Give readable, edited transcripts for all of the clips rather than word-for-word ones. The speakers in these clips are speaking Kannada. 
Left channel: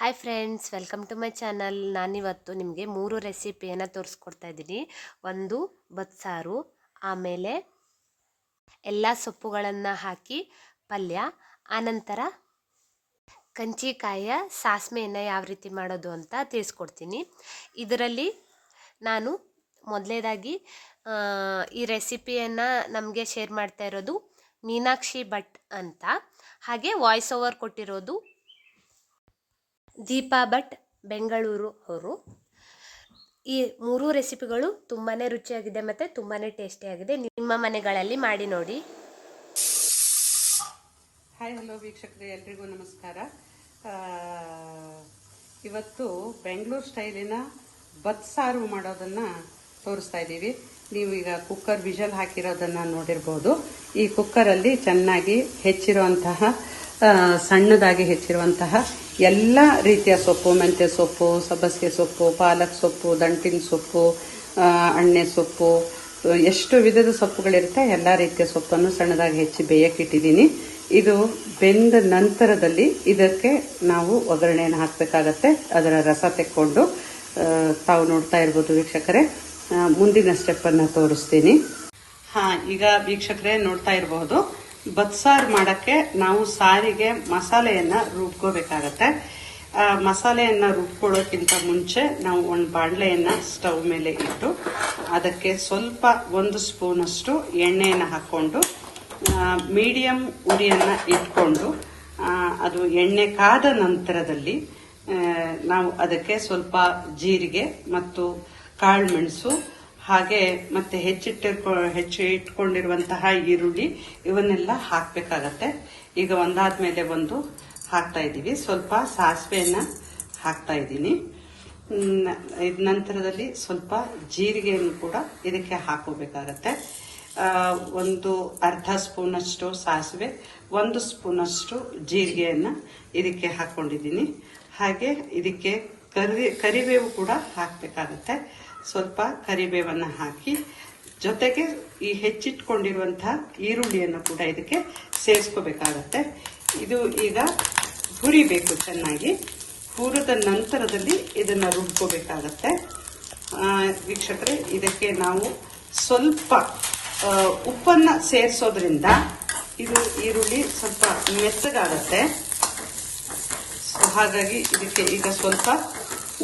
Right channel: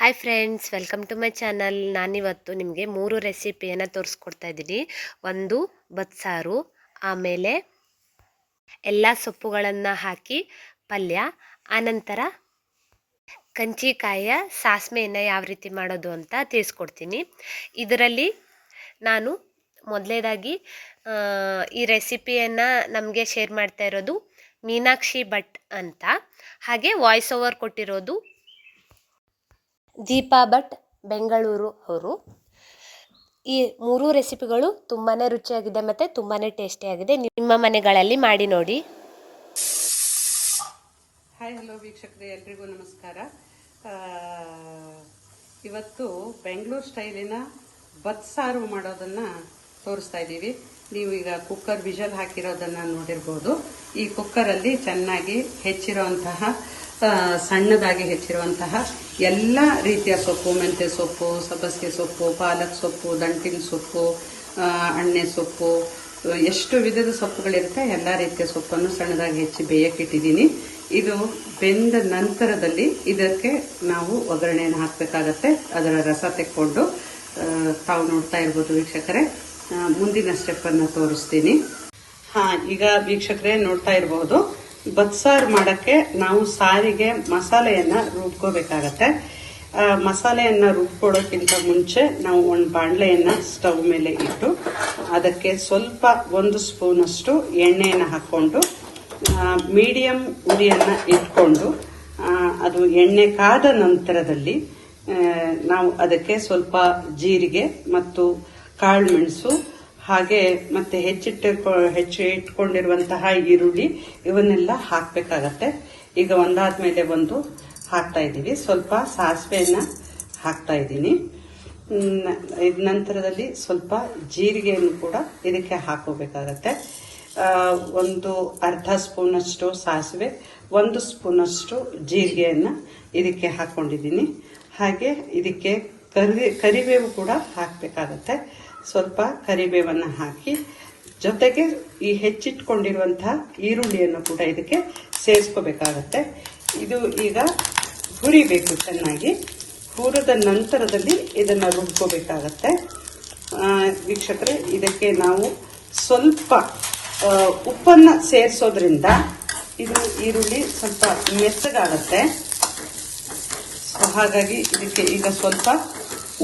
Hi friends, welcome to my channel. ನಾನಿವತ್ತು ನಿಮಗೆ 3 ರೆಸಿಪಿಯನ್ನು ತೋರಿಸ್ಕೊಡ್ತಾ ಇದ್ದೀನಿ. ಒಂದು ಬಸ್ಸಾರು, ಆಮೇಲೆ ಎಲ್ಲ ಸೊಪ್ಪುಗಳನ್ನು ಹಾಕಿ ಪಲ್ಯ, ಆನಂತರ ಕಂಚಿಕಾಯಿಯ ಸಾಸ್ಮೆಯನ್ನು ಯಾವ ರೀತಿ ಮಾಡೋದು ಅಂತ ತಿಳಿಸ್ಕೊಡ್ತೀನಿ. ಇದರಲ್ಲಿ ನಾನು ಮೊದಲನೇದಾಗಿ ಈ ರೆಸಿಪಿಯನ್ನು ನಮಗೆ ಶೇರ್ ಮಾಡ್ತಾ ಇರೋದು ಮೀನಾಕ್ಷಿ ಭಟ್ ಅಂತ, ಹಾಗೆ ವಾಯ್ಸ್ ಓವರ್ ಕೊಟ್ಟಿರೋದು ದೀಪಾ ಭಟ್ ಬೆಂಗಳೂರು ಅವರು. ಈ 3 ರೆಸಿಪಿಗಳು ತುಂಬಾ ರುಚಿಯಾಗಿದೆ ಮತ್ತು ತುಂಬಾ ಟೇಸ್ಟಿಯಾಗಿದೆ. ನಿಮ್ಮ ಮನೆಗಳಲ್ಲಿ ಮಾಡಿ ನೋಡಿ. ಹಾಯ್, ಹಲೋ ವೀಕ್ಷಕರೇ, ಎಲ್ರಿಗೂ ನಮಸ್ಕಾರ. ಇವತ್ತು ಬೆಂಗಳೂರು ಸ್ಟೈಲಿನ ಬಸ್ಸಾರು ಮಾಡೋದನ್ನು ತೋರಿಸ್ತಾ ಇದ್ದೀವಿ. ನೀವು ಈಗ ಕುಕ್ಕರ್ ವಿಷಲ್ ಹಾಕಿರೋದನ್ನು ನೋಡಿರ್ಬೋದು. ಈ ಕುಕ್ಕರಲ್ಲಿ ಚೆನ್ನಾಗಿ ಹೆಚ್ಚಿರುವಂತಹ ಸಣ್ಣದಾಗಿ ಹೆಚ್ಚಿರುವಂತಹ ಎಲ್ಲ ರೀತಿಯ ಸೊಪ್ಪು, ಮೆಂತ್ಯ ಸೊಪ್ಪು, ಸಬ್ಬಸಿಗೆ ಸೊಪ್ಪು, ಪಾಲಕ್ ಸೊಪ್ಪು, ದಂಟಿನ ಸೊಪ್ಪು, ಅಣ್ಣೆ ಸೊಪ್ಪು, ಎಷ್ಟು ವಿಧದ ಸೊಪ್ಪುಗಳಿರುತ್ತೆ ಎಲ್ಲ ರೀತಿಯ ಸೊಪ್ಪನ್ನು ಸಣ್ಣದಾಗಿ ಹೆಚ್ಚಿ ಬೇಯಕ್ಕಿಟ್ಟಿದ್ದೀನಿ. ಇದು ಬೆಂದ ನಂತರದಲ್ಲಿ ಇದಕ್ಕೆ ನಾವು ಒಗ್ಗರಣೆಯನ್ನು ಹಾಕಬೇಕಾಗತ್ತೆ. ಅದರ ರಸ ತೆಕ್ಕೊಂಡು ತಾವು ನೋಡ್ತಾ ಇರ್ಬೋದು ವೀಕ್ಷಕರೇ. ಮುಂದಿನ ಸ್ಟೆಪ್ ಅನ್ನು ತೋರಿಸ್ತೀನಿ. ಈಗ ವೀಕ್ಷಕರೇ ನೋಡ್ತಾ ಇರಬಹುದು, ಬಸ್ಸಾರು ಮಾಡಕ್ಕೆ ನಾವು ಸಾರಿಗೆ ಮಸಾಲೆಯನ್ನ ರುಬ್ಕೋಬೇಕಾಗತ್ತೆ. ಮಸಾಲೆಯನ್ನ ರುಬ್ಕೊಳ್ಳೋಕ್ಕಿಂತ ಮುಂಚೆ ನಾವು ಒಂದು ಬಾಣಲೆಯನ್ನ ಸ್ಟವ್ ಮೇಲೆ ಇಟ್ಟು ಅದಕ್ಕೆ ಸ್ವಲ್ಪ 1 ಸ್ಪೂನ್ ಅಷ್ಟು ಎಣ್ಣೆಯನ್ನು ಹಾಕೊಂಡು ಮೀಡಿಯಂ ಉರಿಯನ್ನ ಇಟ್ಕೊಂಡು ಅದು ಎಣ್ಣೆ ಕಾದ ನಂತರದಲ್ಲಿ ನಾವು ಅದಕ್ಕೆ ಸ್ವಲ್ಪ ಜೀರಿಗೆ ಮತ್ತು ಕಾಳು ಮೆಣಸು, ಹಾಗೆ ಮತ್ತೆ ಹೆಚ್ಚು ಇಟ್ಕೊಂಡಿರುವಂತಹ ಈರುಳ್ಳಿ ಇವನ್ನೆಲ್ಲ ಹಾಕಬೇಕಾಗತ್ತೆ. ಈಗ ಒಂದಾದ್ಮೇಲೆ ಒಂದು ಹಾಕ್ತಾ ಇದ್ದೀವಿ. ಸ್ವಲ್ಪ ಸಾಸಿವೆಯನ್ನ ಹಾಕ್ತಾ ಇದ್ದೀನಿ. ನಂತರದಲ್ಲಿ ಸ್ವಲ್ಪ ಜೀರಿಗೆಯನ್ನು ಕೂಡ ಇದಕ್ಕೆ ಹಾಕೋಬೇಕಾಗತ್ತೆ. ಒಂದು ಅರ್ಧ ಸ್ಪೂನ್ ಅಷ್ಟು ಸಾಸಿವೆ, 1 ಸ್ಪೂನ್ ಅಷ್ಟು ಜೀರಿಗೆಯನ್ನ ಇದಕ್ಕೆ ಹಾಕೊಂಡಿದ್ದೀನಿ. ಹಾಗೆ ಇದಕ್ಕೆ ಕರಿಬೇವು ಕೂಡ ಹಾಕಬೇಕಾಗತ್ತೆ. ಸ್ವಲ್ಪ ಕರಿಬೇವನ್ನ ಹಾಕಿ ಜೊತೆಗೆ ಈ ಹೆಚ್ಚಿಟ್ಕೊಂಡಿರುವಂತಹ ಈರುಳ್ಳಿಯನ್ನು ಕೂಡ ಇದಕ್ಕೆ ಸೇರಿಸ್ಕೋಬೇಕಾಗತ್ತೆ. ಇದು ಈಗ ಹುರಿಬೇಕು. ಚೆನ್ನಾಗಿ ಹುರಿದ ನಂತರದಲ್ಲಿ ಇದನ್ನ ರುಬ್ಕೋಬೇಕಾಗತ್ತೆ. ವೀಕ್ಷಕರೇ, ಇದಕ್ಕೆ ನಾವು ಸ್ವಲ್ಪ ಉಪ್ಪನ್ನ ಸೇರಿಸೋದ್ರಿಂದ ಇದು ಈರುಳ್ಳಿ ಸ್ವಲ್ಪ ಮೆತ್ತಗಾಗತ್ತೆ. ಹಾಗಾಗಿ ಇದಕ್ಕೆ ಈಗ ಸ್ವಲ್ಪ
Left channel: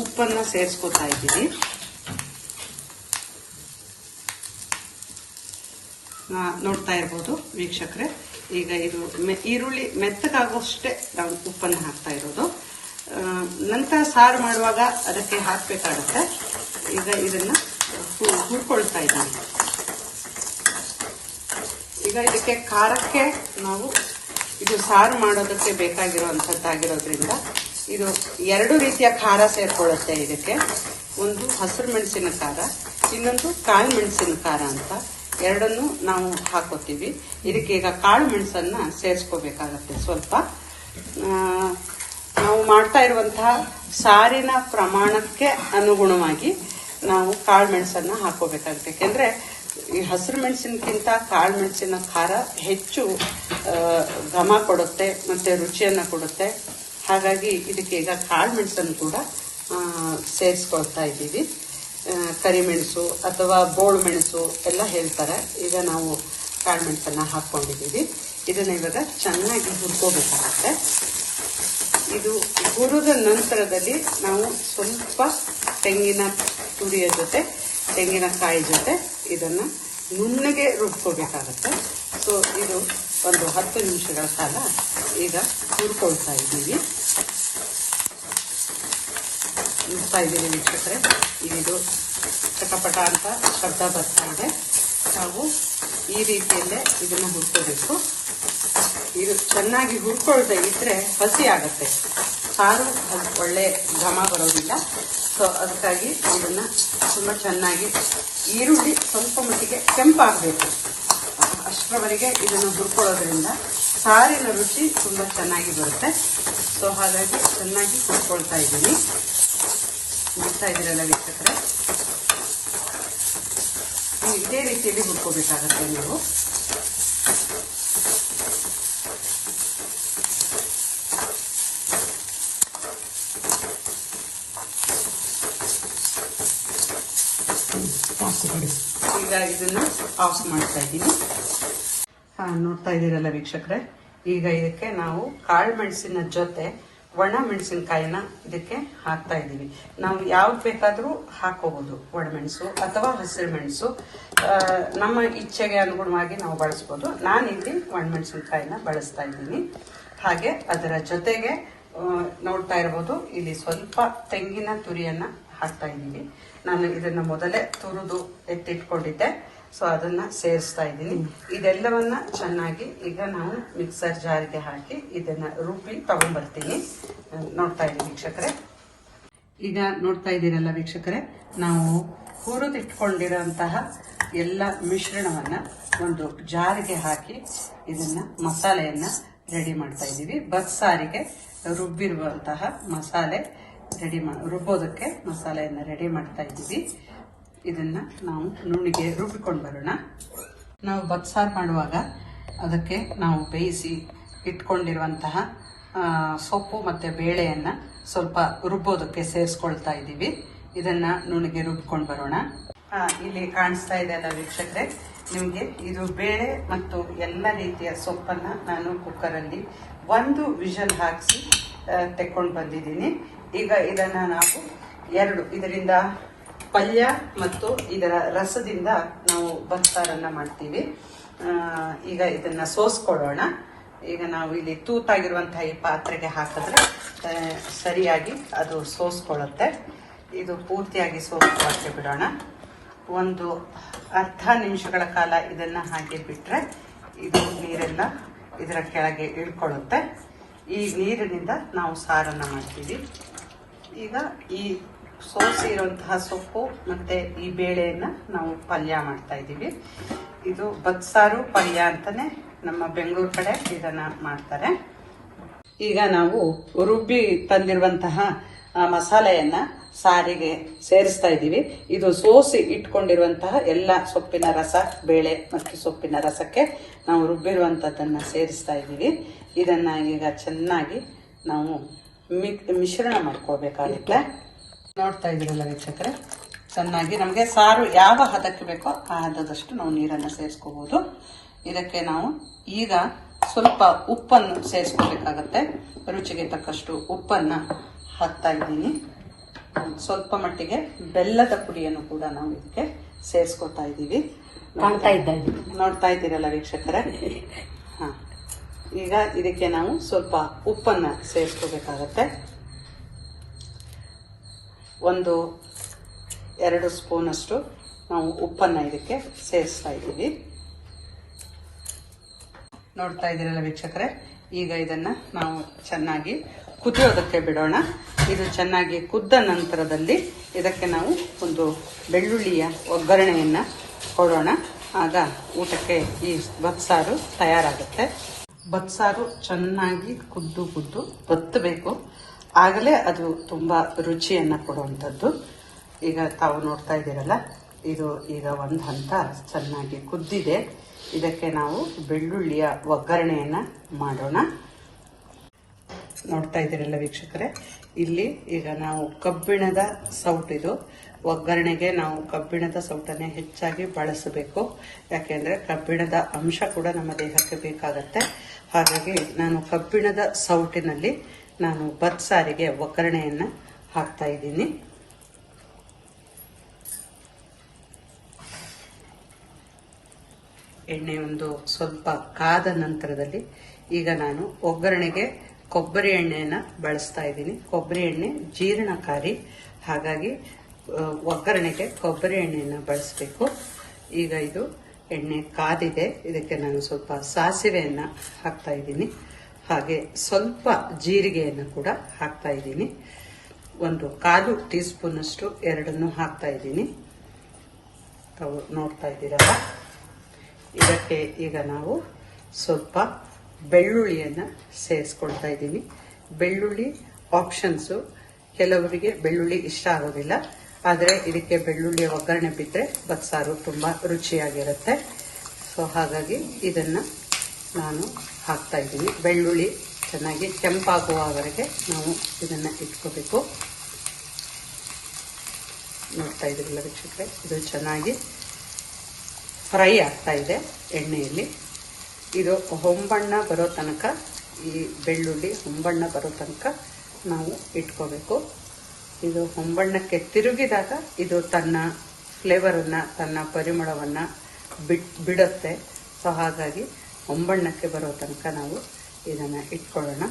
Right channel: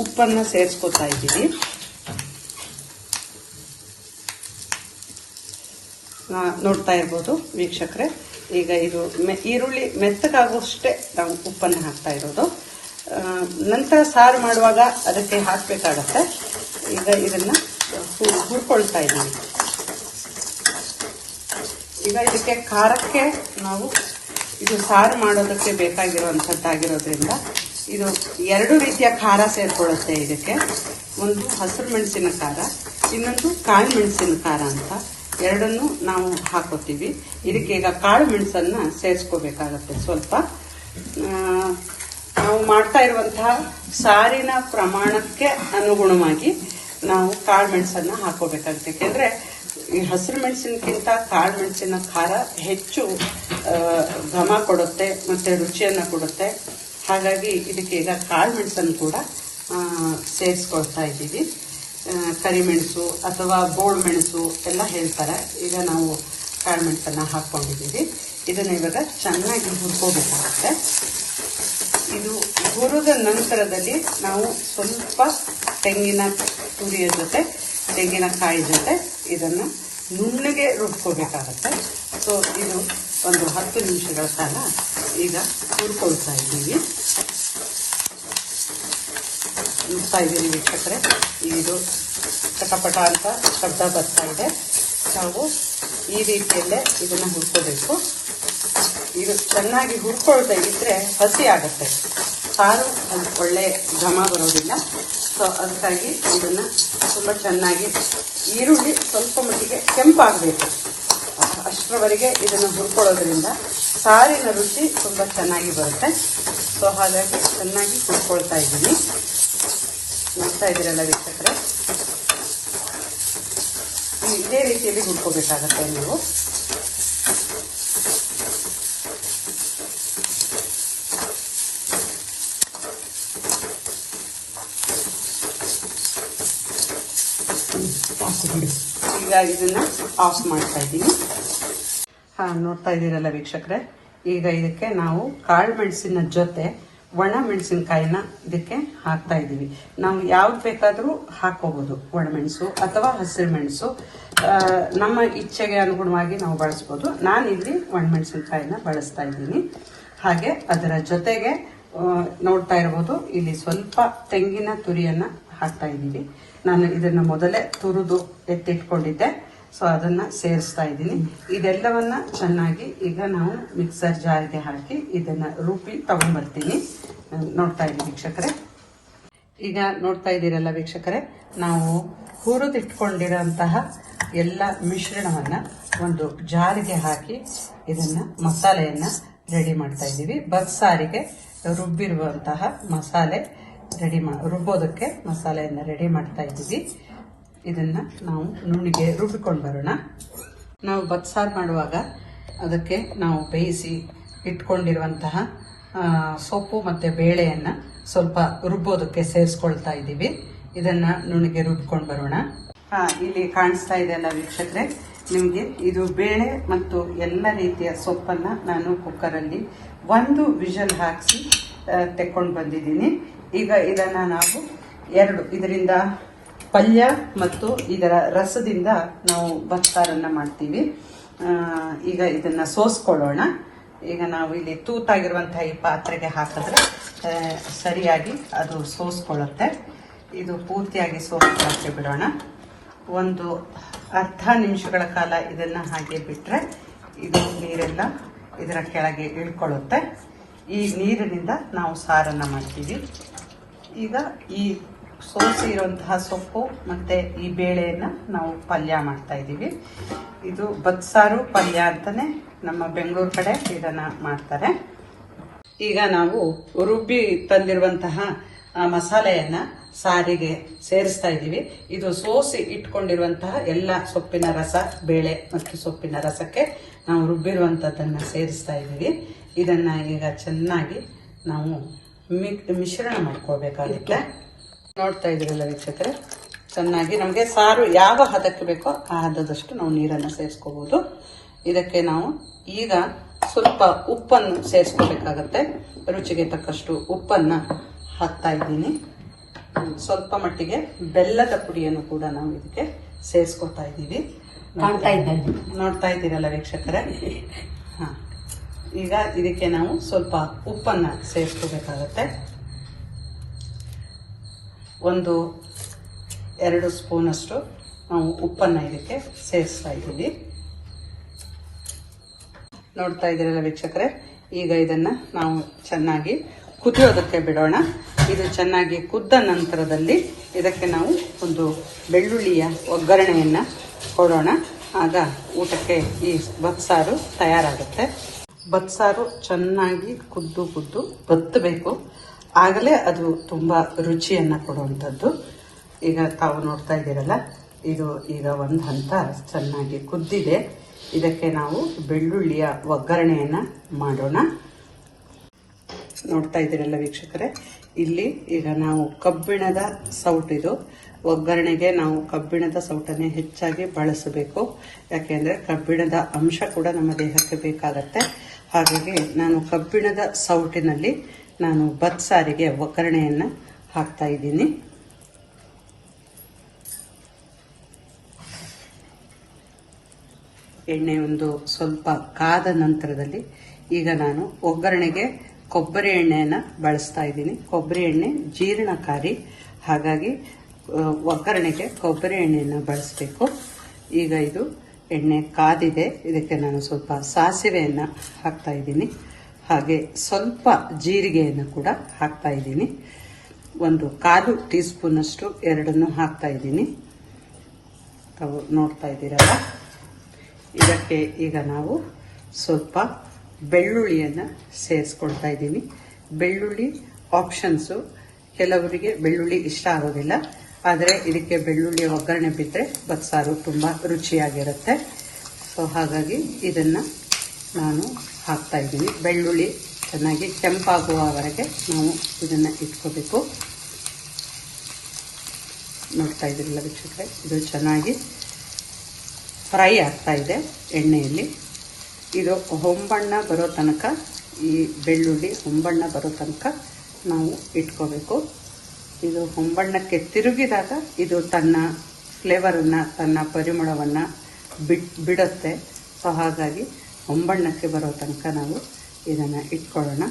ಉಪ್ಪನ್ನ ಸೇರಿಸ್ಕೊತಾ ಇದ್ದೀವಿ. ನೋಡ್ತಾ ಇರ್ಬೋದು ವೀಕ್ಷಕರೇ, ಈಗ ಇದು ಈರುಳ್ಳಿ ಮೆತ್ತಗಾಗುವಷ್ಟೇ ನಾವು ಉಪ್ಪನ್ನು ಹಾಕ್ತಾ ಇರೋದು. ನಂತರ ಸಾರು ಮಾಡುವಾಗ ಅದಕ್ಕೆ ಹಾಕಬೇಕಾಗತ್ತೆ. ಈಗ ಇದನ್ನ ಹುರ್ಕೊಳ್ತಾ ಇದ್ದೀವಿ. ಈಗ ಇದಕ್ಕೆ ಖಾರಕ್ಕೆ ನಾವು ಇದು ಸಾರು ಮಾಡೋದಕ್ಕೆ ಬೇಕಾಗಿರುವಂತದ್ದಾಗಿರೋದ್ರಿಂದ ಇದು 2 ರೀತಿಯ ಖಾರ ಸೇರ್ಕೊಳ್ಳುತ್ತೆ ಇದಕ್ಕೆ. ಒಂದು ಹಸಿರು ಮೆಣಸಿನ ಖಾರ, ಇನ್ನೊಂದು ಕಾಳು ಮೆಣಸಿನ ಖಾರ ಅಂತ ಎರಡನ್ನು ನಾವು ಹಾಕೋತೀವಿ. ಇದಕ್ಕೆ ಈಗ ಕಾಳು ಮೆಣಸನ್ನ ಸೇರಿಸ್ಕೋಬೇಕಾಗತ್ತೆ. ಸ್ವಲ್ಪ ನಾವು ಮಾಡ್ತಾ ಇರುವಂತಹ ಸಾರಿನ ಪ್ರಮಾಣಕ್ಕೆ ಅನುಗುಣವಾಗಿ ನಾವು ಕಾಳು ಮೆಣಸನ್ನ ಹಾಕೋಬೇಕಾಗುತ್ತೆ. ಯಾಕೆಂದ್ರೆ ಈ ಹಸಿರು ಮೆಣಸಿನಕ್ಕಿಂತ ಕಾಳು ಮೆಣಸಿನ ಖಾರ ಹೆಚ್ಚು ಘಮ ಕೊಡುತ್ತೆ ಮತ್ತೆ ರುಚಿಯನ್ನ ಕೊಡುತ್ತೆ. ಹಾಗಾಗಿ ಇದಕ್ಕೆ ಈಗ ಕಾಳು ಮೆಣಸನ್ನು ಕೂಡ ಸೇರಿಸ್ಕೊಳ್ತಾ ಇದ್ದೀವಿ. ಕರಿಮೆಣಸು ಅಥವಾ ಬೋಳು ಮೆಣಸು ಎಲ್ಲ ಹೇಳ್ತಾರೆ. ಈಗ ನಾವು ಕಾಳು ಮೆಣಸನ್ನ ಹಾಕೊಂಡಿದ್ದೀವಿ. ಇದನ್ನ ಇವಾಗ ಚೆನ್ನಾಗಿ ಹುರ್ಕೋಬೇಕಾಗುತ್ತೆ. ಇದು ಹುರಿದ ನಂತರದಲ್ಲಿ ನಾವು ಸ್ವಲ್ಪ ತೆಂಗಿನ ತುರಿಯ ಜೊತೆ, ತೆಂಗಿನಕಾಯಿ ಜೊತೆ ಇದನ್ನ ನುಣ್ಣಗೆ ರುಬ್ಕೋಬೇಕಾಗತ್ತೆ. ಸೊ ಇದು ಒಂದು 10 ನಿಮಿಷಗಳ ಕಾಲ ಈಗ ಹುರ್ಕೊಳ್ತಾ ಇದ್ದೀವಿ. ನೋಡ್ತಾ ಇದ್ದೀವಿ ವೀಕ್ಷಕರೇ, ಇದು ಚಟಪಟ ಅಂತ ಶಬ್ದ ಬರ್ತಾ ಇದೆ. ನಾವು ಈ ರೀತಿಯಲ್ಲೇ ಇದನ್ನ ಹುರ್ಕೋಬೇಕು. ಇದು ಚೆನ್ನಾಗಿ ಹುರ್ಕೊಳ್ದೇ ಇದ್ರೆ ಹಸಿ ಆಗುತ್ತೆ, ಸಾರು ಅದು ಒಳ್ಳೆ ಘಮ ಬರೋದಿಲ್ಲ. ಸೊ ಅದಕ್ಕಾಗಿ ಇದನ್ನ ತುಂಬಾ ಚೆನ್ನಾಗಿ ಈರುಳ್ಳಿ ಸ್ವಲ್ಪ ಮಟ್ಟಿಗೆ ಕೆಂಪಾಗಬೇಕು, ಅಷ್ಟರವರೆಗೆ ಇದನ್ನು ಹುರ್ಕೊಳ್ಳೋದ್ರಿಂದ ಸಾರಿನ ರುಚಿ ತುಂಬಾ ಚೆನ್ನಾಗಿ ಬರುತ್ತೆ. ಸೊ ಹಾಗಾಗಿ ಚೆನ್ನಾಗಿ ಹುರ್ಕೊಳ್ತಾ ಇದ್ದೀನಿ. ನೋಡ್ತಾ ಇದ್ದೀರಲ್ಲ ವೀಕ್ಷಕರೇ, ಇದೇ ರೀತಿಯಲ್ಲಿ ಹುರ್ಕೋಬೇಕಾಗತ್ತೆ ನೀವು. ಈಗ ಇದನ್ನ ಆಫ್ ಮಾಡ್ತಾ ಇದ್ದೀನಿ. ನೋಡ್ತಾ ಇದ್ದೀರಲ್ಲ ವೀಕ್ಷಕರೇ, ಈಗ ಇದಕ್ಕೆ ನಾವು ಕಾಳು ಮೆಣಸಿನ ಜೊತೆ ಒಣ ಮೆಣಸಿನಕಾಯಿನ ಇದಕ್ಕೆ ಹಾಕ್ತಾ ಇದ್ದೀವಿ. ನಾವು ಯಾವ್ದು ಬೇಕಾದರೂ ಹಾಕೋಬಹುದು, ಒಣಮೆಣಸು ಅಥವಾ ಹಸಿರು ಮೆಣಸು, ನಮ್ಮ ಇಚ್ಛೆಗೆ ಅನುಗುಣವಾಗಿ ನಾವು ಬಳಸ್ಬೋದು. ನಾನಿಲ್ಲಿ ಒಣಮೆಣಸಿನಕಾಯಿನ ಬಳಸ್ತಾ ಇದ್ದೀನಿ. ಹಾಗೆ ಅದರ ಜೊತೆಗೆ ನೋಡ್ತಾ ಇರಬಹುದು, ಇಲ್ಲಿ ಸ್ವಲ್ಪ ತೆಂಗಿನ ತುರಿಯನ್ನ ಹಾಕ್ತಾ ಇದ್ದೀವಿ. ನಾನು ಇದನ್ನ ಮೊದಲೇ ತುರಿದು ಎತ್ತಿಟ್ಕೊಂಡಿದ್ದೆ, ಸೊ ಅದನ್ನ ಸೇರಿಸ್ತಾ ಇದ್ದೀನಿ. ಇದೆಲ್ಲವನ್ನ ಚೆನ್ನಾಗಿ ಈಗ ನಾವು ಮಿಕ್ಸರ್ ಜಾರ್ಗೆ ಹಾಕಿ ಇದನ್ನ ರುಬ್ಬಿ ತಗೊಂಡ್ಬರ್ತೀನಿ. ನೋಡ್ತಾ ಇದ್ದೀನಿ ವೀಕ್ಷಕರೇ. ಈಗ ನೋಡ್ತಾ ಇದ್ದೀರಲ್ಲ ವೀಕ್ಷಕರೇ, ನಾವು ಹುರಿದಿಟ್ಕೊಂಡಿರೋಂತಹ ಎಲ್ಲ ಮಿಶ್ರಣವನ್ನ ಒಂದು ಜಾರಿಗೆ ಹಾಕಿ ಇದನ್ನ ಮಸಾಲೆಯನ್ನ ರೆಡಿ ಮಾಡ್ತಾ ಇದ್ದೀವಿ. ಬಸ್ಸಾರಿಗೆ ರುಬ್ಬಿರುವಂತಹ ಮಸಾಲೆ ರುಬ್ಬೋದಕ್ಕೆ ಮಸಾಲೆಯನ್ನ ರೆಡಿ ಮಾಡ್ತಾ ಇದ್ದೀವಿ. ಇದನ್ನ ನಾವು ನುಣಿಗೆ ರುಬ್ಬಿಕೊಂಡು ಬರೋಣ. ನಾವು ಬಸ್ಸಾರು ಮಾಡುವಾಗ ಅದಕ್ಕೆ ನಾವು ಬೇಯಿಸಿ ಇಟ್ಕೊಂಡಿರುವಂತಹ ಸೊಪ್ಪು ಮತ್ತೆ ಬೇಳೆಯನ್ನ ಸ್ವಲ್ಪ ರುಬ್ಬೋದಕ್ಕೆ ಸೇರಿಸ್ಕೊಳ್ತಾ ಇದ್ದೀವಿ. ಇದನ್ನ ನುಣಿಗೆ ರುಬ್ಕೊಂಡು ಬರೋಣ. ಇಲ್ಲಿ ಕಾಣಿಸ್ತಾ ಇದೆಯಲ್ಲ ವೀಕ್ಷಕರೇ, ನಿಮಗೆ ಇದು ಬೇಳೆ ಮತ್ತು ಎಲ್ಲ ರೀತಿಯ ಸೊಪ್ಪನ್ನ ನಾನು ಕುಕ್ಕರಲ್ಲಿ 1 ವಿಷಲ್ ಹಾಕಿಸಿ ತೆಕ್ಕೊಂಡು ಬಂದಿದ್ದೀನಿ. ಈಗ ಇದನ್ನ ನಾವು ಇದರಿಂದ ಪಲ್ಯ ಮತ್ತು ಇದರ ರಸದಿಂದ ನಾವು ಬಸ್ಸಾರನ್ನ ಮಾಡ್ತೀವಿ. ಈಗ ಇದನ್ನ ಸೋಸ್ಕೊಳ್ಳೋಣ. ಈಗ ನಾವು ಇಲ್ಲಿ ತೂತಾಗಿರುವಂತಹ ಈ ಪಾತ್ರೆಗೆ ಹಾಕಿದ್ರೆ ಸರಿಯಾಗಿ ಅದು ಸೋಸ್ಕೊಳ್ಳುತ್ತೆ. ಇದು ಪೂರ್ತಿಯಾಗಿ ಸೋಸ್ಕೊಳ್ಳಕ್ಕೆ ಬಿಡೋಣ. ಒಂದು ಅರ್ಧ ನಿಮಿಷಗಳ ಕಾಲ ಇದನ್ನ ಹಾಗೆ ಬಿಟ್ರೆ ಇದು ನೀರೆಲ್ಲ ಇದರ ಕೆಳಗೆ ಇಳ್ಕೊಳ್ಳುತ್ತೆ. ಈ ನೀರಿನಿಂದ ನಾವು ಸಾರನ್ನ ಮಾಡ್ತೀವಿ. ಈಗ ಈ ಸೋಸಿ ಇರುವಂತಹ ಸೊಪ್ಪು ಮತ್ತೆ ಈ ಬೇಳೆಯನ್ನ ನಾವು ಪಲ್ಯ ಮಾಡ್ತಾ ಇದ್ದೀವಿ. ಇದು ಬಸ್ಸಾರು ಪಲ್ಯ ಅಂತಾನೆ ನಮ್ಮ ಬೆಂಗಳೂರು ಕಡೆ ಇದನ್ನ ಮಾಡ್ತಾರೆ. ಈಗ ನಾವು ರುಬ್ಬಿ ತಂದಿರುವಂತಹ ಮಸಾಲೆಯನ್ನ ಸಾರಿಗೆ ಸೇರಿಸ್ತಾ ಇದ್ದೀವಿ. ಇದು ಸೋಸಿ ಇಟ್ಕೊಂಡಿರುವಂತಹ ಎಲ್ಲ ಸೊಪ್ಪಿನ ರಸ, ಬೇಳೆ ಮತ್ತು ಸೊಪ್ಪಿನ ರಸಕ್ಕೆ ನಾವು ರುಬ್ಬಿರುವಂತದ್ದನ್ನ ಸೇರಿಸ್ತಾ ಇದ್ದೀವಿ. ಇದನ್ನ ಈಗ ಚೆನ್ನಾಗಿ ನಾವು ಮಿಶ್ರಣ ಮಾಡ್ಕೋಬೇಕಾಗುತ್ತೆ. ನೋಡ್ತಾ ಇದ್ದೀರಲ್ಲ ವೀಕ್ಷಕರೇ, ಚೆನ್ನಾಗಿ ನಮಗೆ ಸಾರು ಯಾವ ಹದಕ್ಕೆ ಬೇಕೋ ಆ ಹದದಷ್ಟು ನಾವು ನೀರನ್ನು ಸೇರಿಸ್ಕೋಬಹುದು. ಇದಕ್ಕೆ ನಾವು ಈಗ ಸ್ವಲ್ಪ ಉಪ್ಪನ್ನು ಸೇರಿಸ್ಕೋಬೇಕಾಗತ್ತೆ. ರುಚಿಗೆ ತಕ್ಕಷ್ಟು ಉಪ್ಪನ್ನ ಹಾಕ್ತಾ ಇದ್ದೀನಿ. ಸ್ವಲ್ಪ ಮಟ್ಟಿಗೆ ಬೆಲ್ಲದ ಪುಡಿಯನ್ನು ಕೂಡ ನಾವು ಇದಕ್ಕೆ ಸೇರಿಸ್ಕೊತಾ ಇದ್ದೀವಿ. ನೋಡ್ತಾ ಇದ್ದೀರಲ್ಲ ವೀಕ್ಷಕರೇ. ಈಗ ಇದಕ್ಕೆ ನಾವು ಸ್ವಲ್ಪ ಉಪ್ಪನ್ನ ಸೇರಿಸ್ಕೋಬೇಕಾಗತ್ತೆ. 1-2 ಸ್ಪೂನ್ ಅಷ್ಟು ನಾವು ಉಪ್ಪನ್ನ ಇದಕ್ಕೆ ಸೇರಿಸ್ತಾ ಇದ್ದೀವಿ. ನೋಡ್ತಾ ಇದ್ದೀರಲ್ಲ ವೀಕ್ಷಕರೇ, ಈಗ ಇದನ್ನ ನಾವು ಚೆನ್ನಾಗಿ ಕುದಿಯೋದಕ್ಕೆ ಬಿಡೋಣ. ಇದು ಚೆನ್ನಾಗಿ ಕುದ್ದ ನಂತರದಲ್ಲಿ ಇದಕ್ಕೆ ನಾವು ಒಂದು ಬೆಳ್ಳುಳ್ಳಿಯ ಒಗ್ಗರಣೆಯನ್ನ ಕೊಡೋಣ. ಆಗ ಊಟಕ್ಕೆ ಈ ಬಸ್ಸಾರು ತಯಾರಾಗುತ್ತೆ. ಬಸ್ಸಾರು ಚೆನ್ನಾಗಿ ಕುದ್ದು ಬತ್ತಬೇಕು, ಆಗಲೇ ಅದು ತುಂಬಾ ರುಚಿಯನ್ನ ಕೊಡುವಂಥದ್ದು. ಈಗ ತಾವು ನೋಡ್ತಾ ಇದ್ದೀರಲ್ಲ, ಇದು ಈಗ ಒಂದು ಹಂತ ಚೆನ್ನಾಗಿ ಕುದ್ದಿದೆ. ಇದಕ್ಕೆ ನಾವು ಬೆಳ್ಳುಳ್ಳಿಯ ಒಗ್ಗರಣೆಯನ್ನ ಮಾಡೋಣ. ನೋಡ್ತಾ ಇದ್ದೀರಲ್ಲ ವೀಕ್ಷಕರೇ, ಇಲ್ಲಿ ಈಗ ನಾವು ಕಬ್ಬಿಣದ ಸೌಟಿದು ಒಗ್ಗರಣೆಗೆ ನಾವು ಕಬ್ಬಿಣದ ಸೌಟನ್ನೇ ಹೆಚ್ಚಾಗಿ ಬಳಸಬೇಕು. ಯಾಕೆಂದ್ರೆ ಕಬ್ಬಿಣದ ಅಂಶ ಕೂಡ ನಮ್ಮ ದೇಹಕ್ಕೆ ಬೇಕಾಗತ್ತೆ. ಹಾಗಾಗಿ ನಾನು ಕಬ್ಬಿಣದ ಸೌಟಿನಲ್ಲಿ ನಾನು ಬಸ್ಸಾರಿಗೆ ಒಗ್ಗರಣೆಯನ್ನ ಹಾಕ್ತಾ ಇದ್ದೀನಿ. ಎಣ್ಣೆ ಒಂದು ಸ್ವಲ್ಪ ಕಾದ ನಂತರದಲ್ಲಿ ಈಗ ನಾನು ಒಗ್ಗರಣೆಗೆ ಕೊಬ್ಬರಿ ಎಣ್ಣೆಯನ್ನ ಬಳಸ್ತಾ ಇದ್ದೀನಿ. ಕೊಬ್ಬರಿ ಎಣ್ಣೆ ಜೀರ್ಣಕಾರಿ, ಹಾಗಾಗಿ ಒಗ್ಗರಣೆಗೆ ಕೊಬ್ಬರಿ ಎಣ್ಣೆಯನ್ನು ಬಳಸಬೇಕು. ಈಗ ಇದು ಎಣ್ಣೆ ಕಾದಿದೆ. ಇದಕ್ಕೆ ನಾನು ಸ್ವಲ್ಪ ಸಾಸಿವೆಯನ್ನ ಹಾಕ್ತಾ ಇದ್ದೀನಿ. ಹಾಗೆ ಸ್ವಲ್ಪ ಜೀರಿಗೆಯನ್ನು ಕೂಡ ಹಾಕ್ತಾ ಇದ್ದೀನಿ. 1/4 ಟೀ ಸ್ಪೂನ್ ಅಷ್ಟು ಎರಡನ್ನೂ ಹಾಕ್ತಾ ಇದ್ದೀನಿ. ನೋಡ್ತಾ ಇದ್ದೀರಲ್ಲ, ಇದಕ್ಕೆ ಈಗ ನಾವು ಸ್ವಲ್ಪ ಬೆಳ್ಳುಳ್ಳಿಯನ್ನ ಸೇರಿಸ್ಕೊಳ್ತಾ ಇದ್ದೀವಿ. ಬೆಳ್ಳುಳ್ಳಿ ಆಪ್ಷನ್ಸು, ಕೆಲವರಿಗೆ ಬೆಳ್ಳುಳ್ಳಿ ಇಷ್ಟ ಆಗೋದಿಲ್ಲ, ಆದರೆ ಇದಕ್ಕೆ ಬೆಳ್ಳುಳ್ಳಿ ಒಗ್ಗರಣೆ ಬಿಟ್ಟರೆ ಬಸ್ಸಾರು ತುಂಬಾ ರುಚಿಯಾಗಿರುತ್ತೆ. ಸೊ ಹಾಗಾಗಿ ಇದನ್ನ ನಾನು ಹಾಕ್ತಾ ಇದ್ದೀನಿ. ಬೆಳ್ಳುಳ್ಳಿ ಚೆನ್ನಾಗಿ ಕೆಂಪಾಗುವವರೆಗೆ ನಾವು ಇದನ್ನ ಇಟ್ಕೋಬೇಕು. ನೋಡ್ತಾ ಇದ್ದೀನಿ ವೀಕ್ಷಕರೇ, ಇದು ಚೆನ್ನಾಗಿ ಫ್ರೈ ಆಗ್ತಾ ಇದೆ ಎಣ್ಣೆಯಲ್ಲಿ. ಇದು ಹೊಂಬಣ್ಣ ಬರೋ ತನಕ, ಈ ಬೆಳ್ಳುಳ್ಳಿ ಹೊಂಬಣ್ಣ ಬರೋ ತನಕ ನಾವು ಇಟ್ಕೋಬೇಕು. ಇದು ಹೊಂಬಣ್ಣಕ್ಕೆ ತಿರುಗಿದಾಗ ಇದು ತನ್ನ ಫ್ಲೇವರನ್ನು, ತನ್ನ ಪರಿಮಳವನ್ನು ಬಿಡುತ್ತೆ. ಸೊ ಹಾಗಾಗಿ ಹೊಂಬಣ್ಣಕ್ಕೆ ಬರೋ ತನಕ ನಾವು ಇದನ್ನು ಇಟ್ಕೊಳ್ಳೋಣ.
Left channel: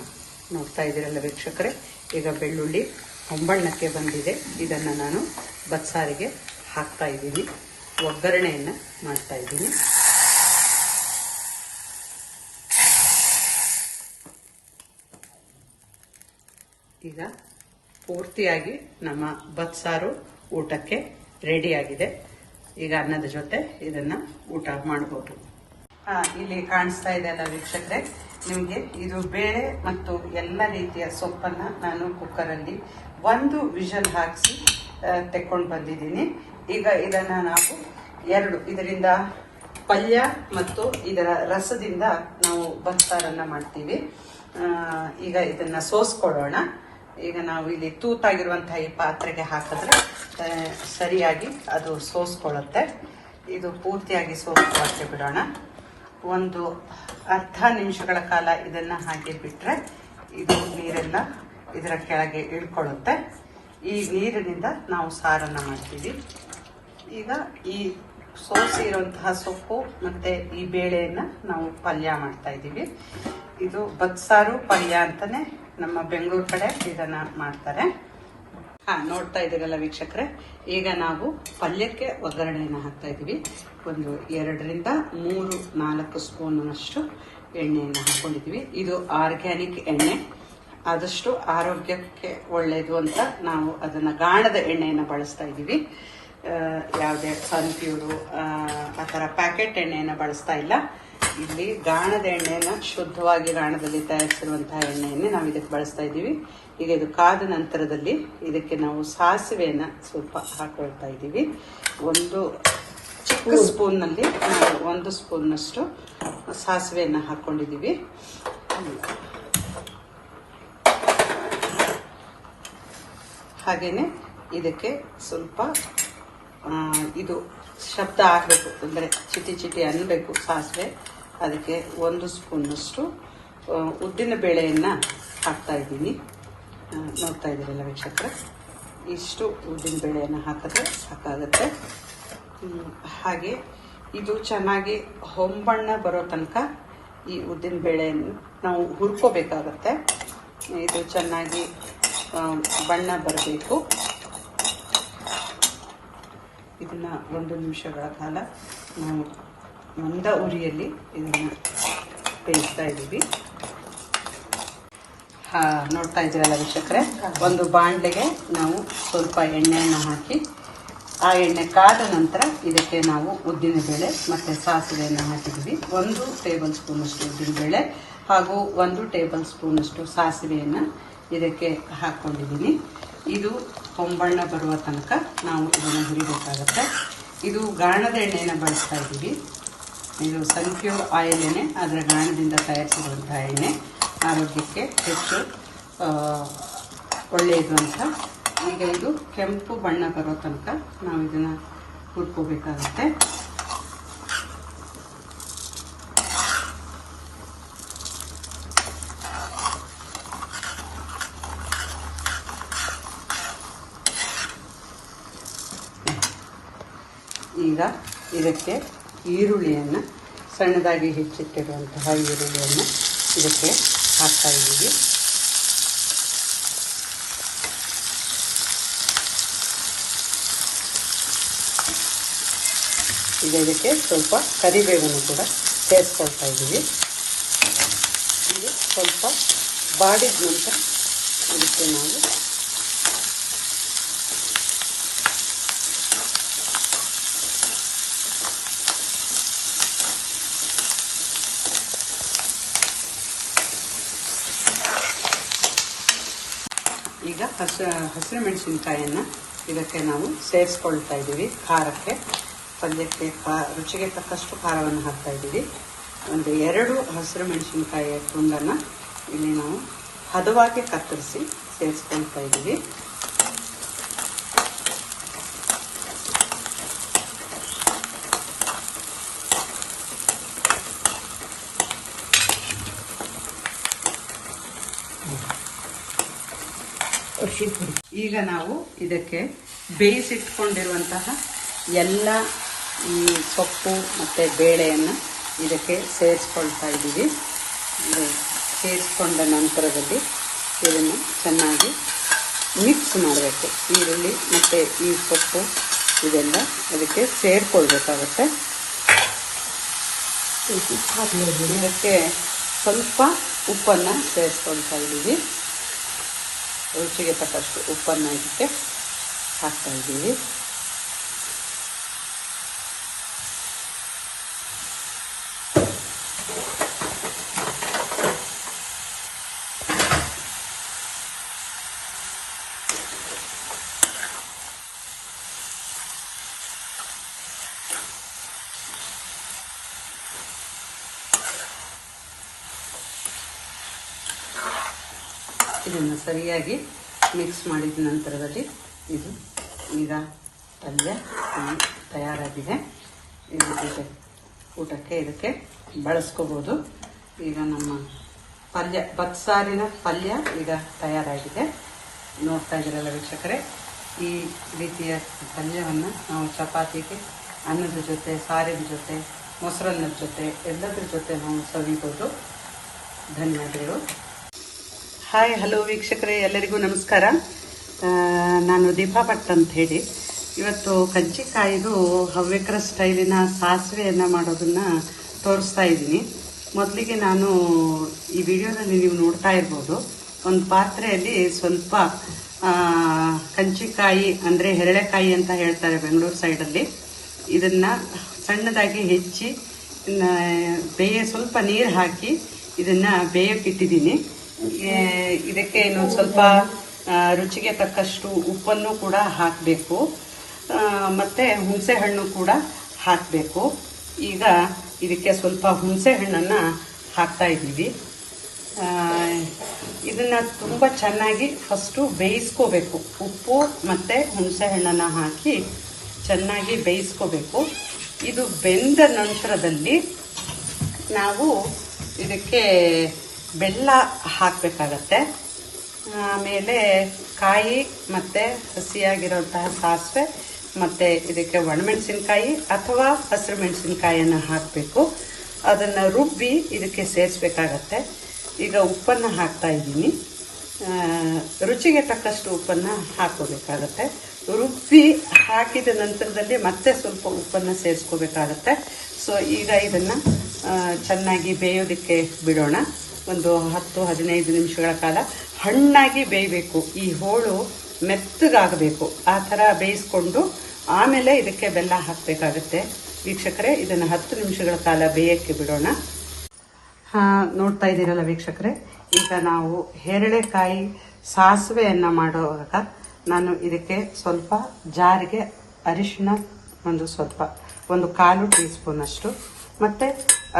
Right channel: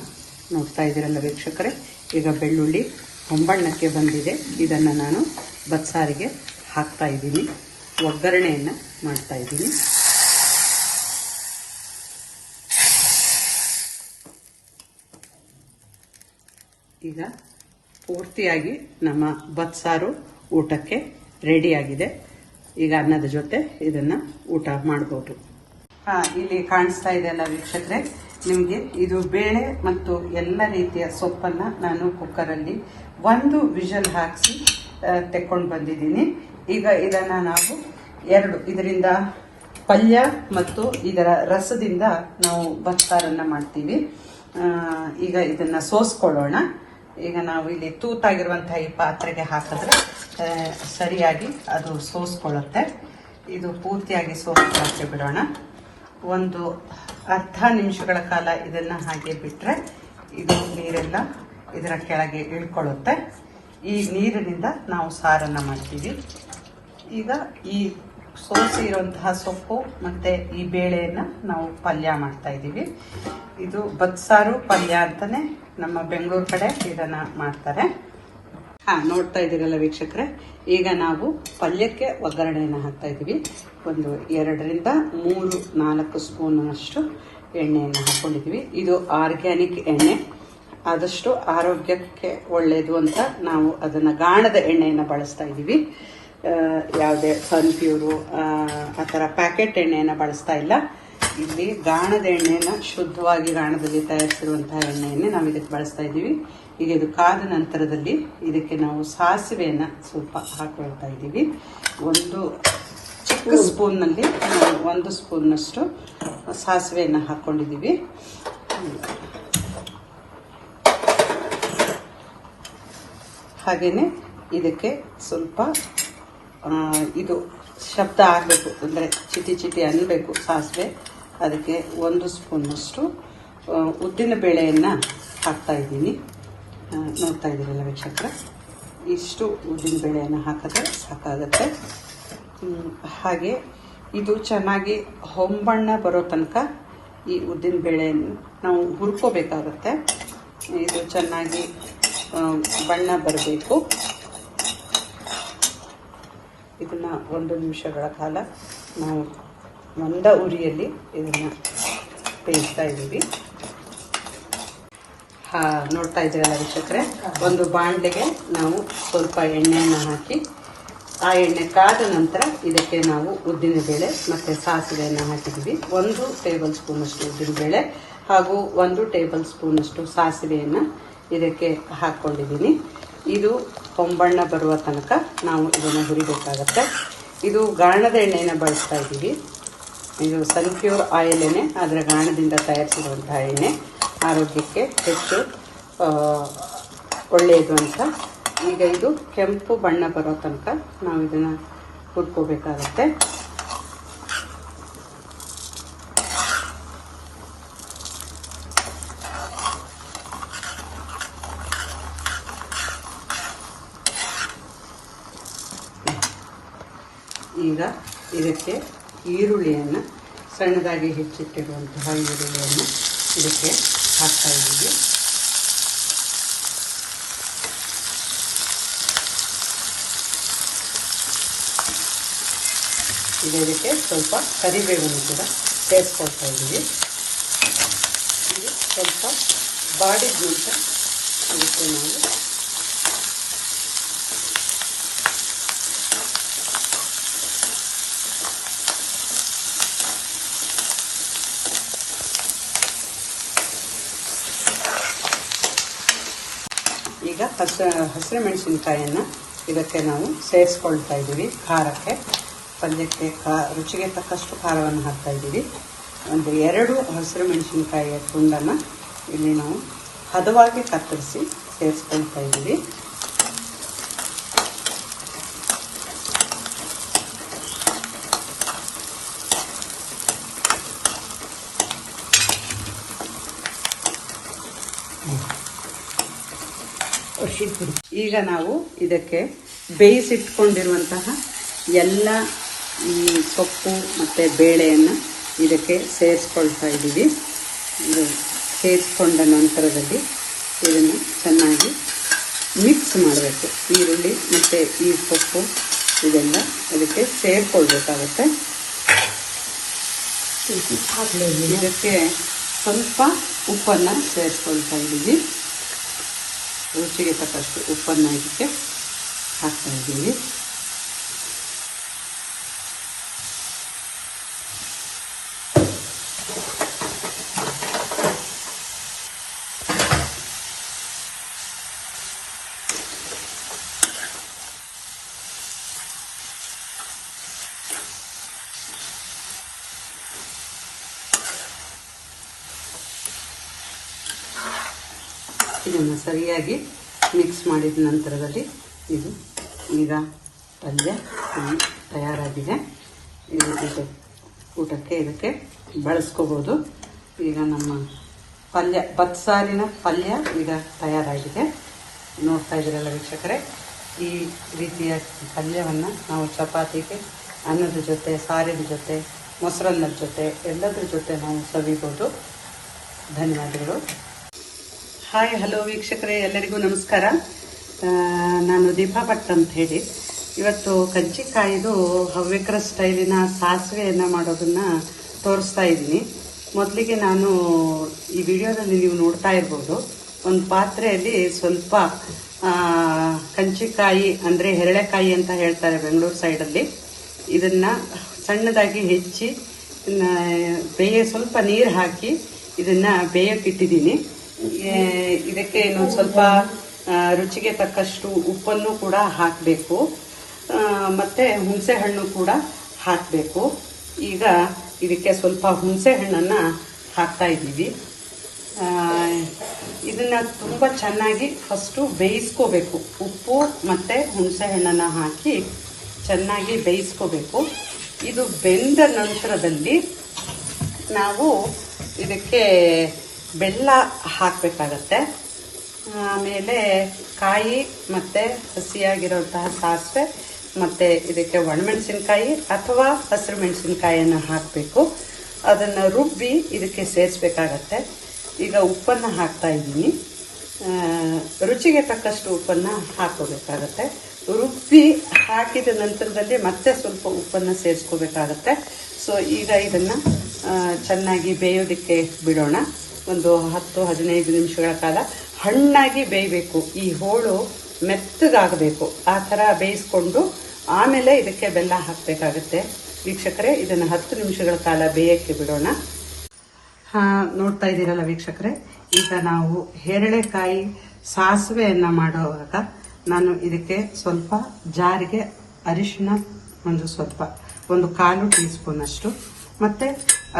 ನೋಡ್ತಾ ಇದ್ದೀರಲ್ಲ ವೀಕ್ಷಕರೇ, ಈಗ ಬೆಳ್ಳುಳ್ಳಿ ಹೊಂಬಣ್ಣಕ್ಕೆ ಬಂದಿದೆ. ಇದನ್ನು ನಾನು ಬಸ್ಸಾರಿಗೆ ಹಾಕ್ತಾ ಇದ್ದೀನಿ, ಒಗ್ಗರಣೆಯನ್ನು ಮಾಡ್ತಾ ಇದ್ದೀನಿ. ಈಗ ಪೂರ್ತಿಯಾಗಿ ನಮ್ಮ ಬಸ್ಸಾರು ಊಟಕ್ಕೆ ರೆಡಿಯಾಗಿದೆ. ಈಗ ಅನ್ನದ ಜೊತೆ ಇದನ್ನು ಊಟ ಮಾಡ್ಬೋದು. ಇಲ್ಲಿ ಕಾಣಿಸ್ತಾ ಇದೆ ಅಲ್ಲ ವೀಕ್ಷಕರೇ, ನಿಮಗೆ ಇದು ಬೇಳೆ ಮತ್ತು ಎಲ್ಲ ರೀತಿಯ ಸೊಪ್ಪನ್ನು ನಾನು ಕುಕ್ಕರಲ್ಲಿ 1 ವಿಷಲ್ ಹಾಕಿಸಿ ತೆಕ್ಕೊಂಡು ಬಂದಿದ್ದೀನಿ. ಈಗ ಇದನ್ನು ನಾವು ಇದರಿಂದ ಪಲ್ಯ ಮತ್ತು ಇದರ ರಸದಿಂದ ನಾವು ಬಸ್ಸಾರನ್ನು ಮಾಡ್ತೀವಿ. ಈಗ ಇದನ್ನು ಸೋಸ್ಕೊಳ್ಳೋಣ. ಈಗ ನಾವು ಇಲ್ಲಿ ತೂತಾಗಿರುವಂತಹ ಈ ಪಾತ್ರೆಗೆ ಹಾಕಿದ್ರೆ ಸರಿಯಾಗಿ ಅದು ಸೋಸ್ಕೊಳ್ಳುತ್ತೆ. ಇದು ಪೂರ್ತಿಯಾಗಿ ಸೋಸ್ಕೊಳ್ಳೋಕ್ಕೆ ಬಿಡೋಣ. ಒಂದು ಅರ್ಧ ನಿಮಿಷಗಳ ಕಾಲ ಇದನ್ನು ಹಾಗೆ ಬಿಟ್ಟರೆ ಇದು ನೀರೆಲ್ಲ ಇದರ ಕೆಳಗೆ ಇಳ್ಕೊಳ್ಳುತ್ತೆ. ಈ ನೀರಿನಿಂದ ನಾವು ಸಾರನ್ನು ಮಾಡ್ತೀವಿ. ಈಗ ಈ ಸೋಸಿ ಇರುವಂತಹ ಸೊಪ್ಪು ಮತ್ತೆ ಈ ಬೇಳೆಯನ್ನು ನಾವು ಪಲ್ಯ ಮಾಡ್ತಾ ಇದ್ದೀವಿ. ಇದು ಬಸ್ಸಾರು ಪಲ್ಯ ಅಂತಾನೆ ನಮ್ಮ ಬೆಂಗಳೂರು ಕಡೆ ಇದನ್ನ ಮಾಡ್ತಾರೆ. ನೋಡ್ತಾ ಇದ್ದೀರಲ್ಲ ವೀಕ್ಷಕರೇ, ಈಗ ನಾವು ಪಲ್ಯಕ್ಕೆ ಒಗ್ಗರಣೆಯನ್ನು ಹಾಕ್ತಾ ಇದ್ದೀವಿ. ಒಂದು 2-3-4 ಸ್ಪೂನ್ನಷ್ಟು ಎಣ್ಣೆಯನ್ನು ಹಾಕೊಂಡಿದ್ದೀವಿ. ಇದು ಆರ್ಗ್ಯಾನಿಕ್ ಎಣ್ಣೆ, ಆದಷ್ಟು ಆರೋಗ್ಯಕ್ಕೆ ಒಳ್ಳೆಯದು ಅಂತ ನಾವು ಅದನ್ನು ಗಾಣದ ಎಣ್ಣೆಯನ್ನು ಬಳಸ್ತಾ ಇದ್ದೀವಿ. ಯಾವುದೇ ಸನ್ಪ್ಯೂರು ಆ ಥರ ಪ್ಯಾಕೆಟ್ ಎಣ್ಣೆಯನ್ನು ಬಳಸ್ತಾ ಇಲ್ಲ. ಇಲ್ಲಿ ಗಾಣದ ಎಣ್ಣೆಯನ್ನು, ಶುದ್ಧವಾಗಿ ಗಾಣದಲ್ಲಿ ತಯಾರಿಸಿರುವಂತಹ ಎಣ್ಣೆಯನ್ನೇ ನಾವು ಇದಕ್ಕೆ ಬಳಸ್ತಾ ಇದ್ದೀವಿ. ಈಗ ಇದು ಕಾದ ನಂತರದಲ್ಲಿ ಇದಕ್ಕೆ ನಾವು ಸಾಸಿವೆಯನ್ನು ಸ್ವಲ್ಪ ಹಾಕೊಳ್ತಾ ಇದ್ದೀವಿ. ಒಂದು ಚಿಕ್ಕ ಸ್ಪೂನ್ನಲ್ಲಿ ನಾವು 1 ಸ್ಪೂನ್ನಷ್ಟು ಸಾಸಿವೆಯನ್ನು ಹಾಕ್ಕೊಂಡಿದ್ದೀವಿ. ಹಾಗೇನೆ ಇದಕ್ಕೆ ಸ್ವಲ್ಪ ಇದು ಶಬ್ದ ಆಗಬೇಕು, ಅಂದರೆ ಚಿಟಿ ಚಿಟಿ ಅನ್ನಬೇಕು ಸಾಸಿವೆ. ಅದಕ್ಕೆ 1 ಸ್ಪೂನ್ನಷ್ಟು ಉದ್ದಿನ ಬೇಳೆಯನ್ನು ಹಾಕ್ತಾ ಇದ್ದೀನಿ. ನೋಡ್ತಾ ಇದ್ದೀರಲ್ಲ ವೀಕ್ಷಕರೇ, ಇಷ್ಟು ಉದ್ದಿನ ಬೇಳೆಯನ್ನು ಹಾಕಿದ್ರೆ ಸಾಕಾಗುತ್ತೆ. ಹಾಗೆ ಇದು ಚೆನ್ನಾಗಿ ಹೊಂಬಣ್ಣ ಬರೋ ತನಕ ಈ ಉದ್ದಿನ ಬೇಳೆಯನ್ನು ನಾವು ಹುರ್ಕೋಬೇಕಾಗತ್ತೆ. ಇದು ಚೆನ್ನಾಗಿ ಬಣ್ಣ ಬರಬೇಕು. ಇದನ್ನ 1 ನಿಮಿಷಗಳ ಕಾಲ ನಾವು ಮಂದ ಉರಿಯಲ್ಲಿ ಇದನ್ನ ಬೇಯಿಸ್ತಾ ಇದ್ದೀವಿ. ನೋಡ್ತಾ ಇದ್ದೀರಲ್ಲ ವೀಕ್ಷಕರೇ, ಒಂದು ಬಾಣಲೆಗೆ ನಾವು ಸ್ವಲ್ಪ ಎಣ್ಣೆಯನ್ನು ಹಾಕಿ, ಆ ಎಣ್ಣೆ ಕಾದ ನಂತರ ಇದಕ್ಕೆ ನಾವು ಉದ್ದಿನ ಬೇಳೆ ಮತ್ತು ಸಾಸಿವೆಯನ್ನು ಹಾಕಿದ್ದೀವಿ. 1 ಟೇಬಲ್ ಸ್ಪೂನಷ್ಟು ಉದ್ದಿನ ಬೇಳೆ ಹಾಗೂ 1 ಟೇಬಲ್ ಸ್ಪೂನಷ್ಟು ಸಾಸಿವೆಯನ್ನು ಇದಕ್ಕೆ ಹಾಕ್ಕೊಂಡಿದ್ದೀನಿ. ಇದು ಹೊಂಬಣ್ಣ ಬರುವ ತನಕ ನಾವು ಇದನ್ನು ಹುರಿಬೇಕಾಗತ್ತೆ. ಇದು ಗಾಣದ ಎಣ್ಣೆಯನ್ನು ಬಳಸ್ತಾ ಇದ್ದೀವಿ. ಇದು ಸನ್ಪ್ಯೂರ್ ಆಯಿಲ್ ಎಣ್ಣೆ, ಅದರ ಗಾಣದಿಂದ ತಯಾರಿಸಿರುವಂತಹ ಎಣ್ಣೆ ಆರೋಗ್ಯಕ್ಕೆ ಹೆಚ್ಚು ಒಳ್ಳೆಯದು ಅಂತ. ಈಗ ಇದು ಕೆಂಪು ಬಣ್ಣ ಬರೋ ತನಕ ನಾವು ಇದನ್ನು ಹುರ್ಕೋಬೇಕಾಗತ್ತೆ. ಈಗ ಇದಕ್ಕೆ ಈರುಳ್ಳಿಯನ್ನು, ಸಣ್ಣದಾಗಿ ಹೆಚ್ಚಿಟ್ಟಿರುವಂತಹ ಈರುಳ್ಳಿಯನ್ನು ಇದಕ್ಕೆ ಹಾಕ್ತಾ ಇದ್ದೀವಿ. ಈಗ ಇದಕ್ಕೆ ಸ್ವಲ್ಪ ಕರಿಬೇವನ್ನು ಕೂಡ ಸೇರಿಸ್ಕೊಳ್ತಾ ಇದ್ದೀವಿ. ಇದು ಸ್ವಲ್ಪ ಬಾಡಿದ್ದಂತ ಅದಕ್ಕೆ ನಾವು ಈಗ ಹಸಿರು ಮೆಣಸಿನಕಾಯಿಯನ್ನು ಇದಕ್ಕೆ ನಾವು ಸೇರಿಸ್ಕೊಳ್ತಾ ಇದ್ದೀವಿ. ಖಾರಕ್ಕೆ, ಪಲ್ಯಕ್ಕೆ ರುಚಿಗೆ ತಕ್ಕಷ್ಟು ಖಾರವನ್ನು ಹಾಕ್ತಾ ಇದ್ದೀವಿ. ಒಂದು 2 ಹಸಿರು ಮೆಣಸಿನಕಾಯಿಯ ತುಂಡನ್ನು ಇಲ್ಲಿ ನಾವು ಹದವಾಗಿ ಕತ್ತರಿಸಿ ಸೇರಿಸ್ಕೊಳ್ತಾ ಇದ್ದೀವಿ. ಈಗ ನಾವು ಇದಕ್ಕೆ ಬೇಯಿಸಿಟ್ಕೊಂಡಿರುವಂತಹ ಎಲ್ಲ ಸೊಪ್ಪು ಮತ್ತು ಬೇಳೆಯನ್ನು ಇದಕ್ಕೆ ಸೇರಿಸ್ಕೊಳ್ತಾ ಇದ್ದೀವಿ. ಸೇರಿಸ್ಕೊಂಡ ನಂತರದಲ್ಲಿ ಇದನ್ನು ಚೆನ್ನಾಗಿ ಮಿಕ್ಸ್ ಮಾಡಬೇಕು. ಈರುಳ್ಳಿ ಮತ್ತು ಈ ಸೊಪ್ಪು ಇದೆಲ್ಲ ಅದಕ್ಕೆ ಸೇರಿಕೊಳ್ಬೇಕಾಗುತ್ತೆ. ಇದಕ್ಕೆ ಸ್ವಲ್ಪ ಉಪ್ಪನ್ನು ಸೇರಿಸ್ಕೊಳ್ತಾ ಇದ್ದೀವಿ. ರುಚಿಗೆ ತಕ್ಕಷ್ಟು ಉಪ್ಪನ್ನು ಇದಕ್ಕೆ ಹಾಕ್ತಾ ಇದ್ದೀವಿ. ಇದನ್ನು ಸರಿಯಾಗಿ ಮಿಕ್ಸ್ ಮಾಡಿದ ನಂತರದಲ್ಲಿ ಇದು ಈಗ ಪಲ್ಯ ತಯಾರಾಗಿದೆ. ಊಟಕ್ಕೆ ಇದಕ್ಕೆ ಬಳಸ್ಕೋಬೋದು. ಈಗ ನಮ್ಮ ಪಲ್ಯ ಬತ್ಸಾರಿನ ಪಲ್ಯ ಈಗ ತಯಾರಾಗಿದೆ. ನೋಡ್ತಾ ಇದ್ದೀರಲ್ಲ ವೀಕ್ಷಕರೇ, ಈ ರೀತಿಯ ಪಲ್ಯವನ್ನು ನಾವು ಚಪಾತಿಗೆ, ಅನ್ನದ ಜೊತೆ, ಸಾರಿನ ಜೊತೆ, ಮೊಸರನ್ನದ ಜೊತೆ ಎಲ್ಲದರ ಜೊತೆ ನಾವು ಸವಿಬೋದು. ಧನ್ಯವಾದಗಳು. ಹಾಯ್, ಹಲೋ ವೀಕ್ಷಕರೇ, ಎಲ್ಲರಿಗೂ ನಮಸ್ಕಾರ. ನಾನು ದೀಪಾ ಭಟ್ ಅಂತ ಹೇಳಿ ಇವತ್ತು ಕಜ್ಜಿಕಾಯಿದು ಹವ್ಯಕರ ಸ್ಟೈಲಿನ ಸಾಸಿವೆಯನ್ನು ಮಾಡೋದನ್ನು ತೋರಿಸ್ತಾ ಇದ್ದೀನಿ. ಮೊದಲಿಗೆ ನಾನು ಈ ವಿಡಿಯೋದಲ್ಲಿ ನೀವು ನೋಡ್ತಾ ಇರ್ಬೋದು, ಒಂದು ಪಾತ್ರೆಯಲ್ಲಿ ಸ್ವಲ್ಪ ಕಜ್ಜಿಕಾಯಿ ಅಂದರೆ ಹೆರಳೆಕಾಯಿ ಅಂತ ಹೇಳ್ತಾರೆ ಬೆಂಗಳೂರು ಸೈಡಲ್ಲಿ, ಇದನ್ನು ಸಣ್ಣದಾಗಿ ಹೆಚ್ಚಿ ಸ್ವಲ್ಪ ನೀರು ಹಾಕಿ ಇದನ್ನು ಬೇಯಕ್ಕಿಟ್ಟಿದ್ದೀನಿ. ಇದಕ್ಕೆ ಇನ್ನೊಂದು ಸ್ವಲ್ಪ ರುಚಿಗೆ ತಕ್ಕಷ್ಟು ಉಪ್ಪನ್ನು ಕೂಡ ಹಾಕಬೇಕು, ಮತ್ತು ಹುಣಸೆ ಹಣ್ಣು ಕೂಡ ಹಾಕಬೇಕು. ಈಗ ಇದಕ್ಕೆ ಸ್ವಲ್ಪ ಹುಣಸೆ ಹಣ್ಣನ್ನು ಹಾಕ್ತಾ ಇದ್ದೀವಿ. ಇದನ್ನು ತುಂಬ ಚೆನ್ನಾಗಿ ಫಸ್ಟು ಬೇಯಿಸ್ಕೋಬೇಕು. ಉಪ್ಪು ಮತ್ತು ಹುಣಸೆ ಹಣ್ಣನ್ನು ಹಾಕಿ ಚೆನ್ನಾಗಿ ಬೇಯಿಸ್ಕೋಬೇಕು. ಇದು ಬೆಂದ ನಂತರದಲ್ಲಿ ನಾವು ಇದಕ್ಕೆ ಬೆಲ್ಲ ಹಾಕಬೇಕಾಗತ್ತೆ. ಆಮೇಲೆ ಕಾಯಿ ಮತ್ತು ಹಸಿಯಾಗಿರುವಂತಹ ಸಾಸಿವೆ ಮತ್ತು ಇದಕ್ಕೆ ಒಣಮೆಣಸಿನ್ಕಾಯಿ ಅಥವಾ ಹಸಿರು ಮೆಣಸಿನ್ಕಾಯಿಯನ್ನು ಹಾಕಬೇಕು. ಅದನ್ನು ರುಬ್ಬಿ ಇದಕ್ಕೆ ಸೇರಿಸ್ಬೇಕಾಗತ್ತೆ. ಈಗ ಉಪ್ಪನ್ನು ಹಾಕ್ತಾ ಇದ್ದೀನಿ. ರುಚಿಗೆ ತಕ್ಕಷ್ಟು ಉಪ್ಪನ್ನು ಹಾಕೋಬೇಕಾಗತ್ತೆ. ರುಬ್ಬಿ ಹಾಕಿದ ನಂತರದಲ್ಲಿ ಮತ್ತೆ ಸ್ವಲ್ಪ ಉಪ್ಪನ್ನು ಸೇರಿಸ್ಕೋಬೇಕಾಗತ್ತೆ. ಸೊ ಈಗ ಇದನ್ನು ಚೆನ್ನಾಗಿ ಬೇಯೋದಕ್ಕೆ ಬಿಡೋಣ. ಒಂದು 10-15 ನಿಮಿಷಗಳ ಕಾಲ ಹಣ್ಣಾಗಿ ಬೇಯಬೇಕು. ಈ ಹೋಳು ಮೆತ್ತಗಾಗಬೇಕು. ಆ ಥರ ಬೇಯಿಸ್ಕೊಂಡು ಆಮೇಲೆ ಇದಕ್ಕೆ ಬೆಲ್ಲ ಹಾಕಬೇಕಾಗುತ್ತೆ. ವೀಕ್ಷಕರೇ, ಇದನ್ನು 10 ನಿಮಿಷಗಳ ಕಾಲ ಬೇಯಕ್ಕೆ ಬಿಡೋಣ. ನೋಡ್ತಾ ಇದ್ದೀರಲ್ಲ ವೀಕ್ಷಕರೇ, ಈಗ ನಾವು ಹೆರಳೆಕಾಯಿ ಸಾಸಿವೆಯನ್ನು ಮಾಡುವಾಗ ನಾನು ಇದಕ್ಕೆ ಸ್ವಲ್ಪ ಜಾರಿಗೆ ಅರಿಶಿನ ಒಂದು 1/4 ಟೀ ಸ್ಪೂನ್ ಅಷ್ಟು, ಮತ್ತು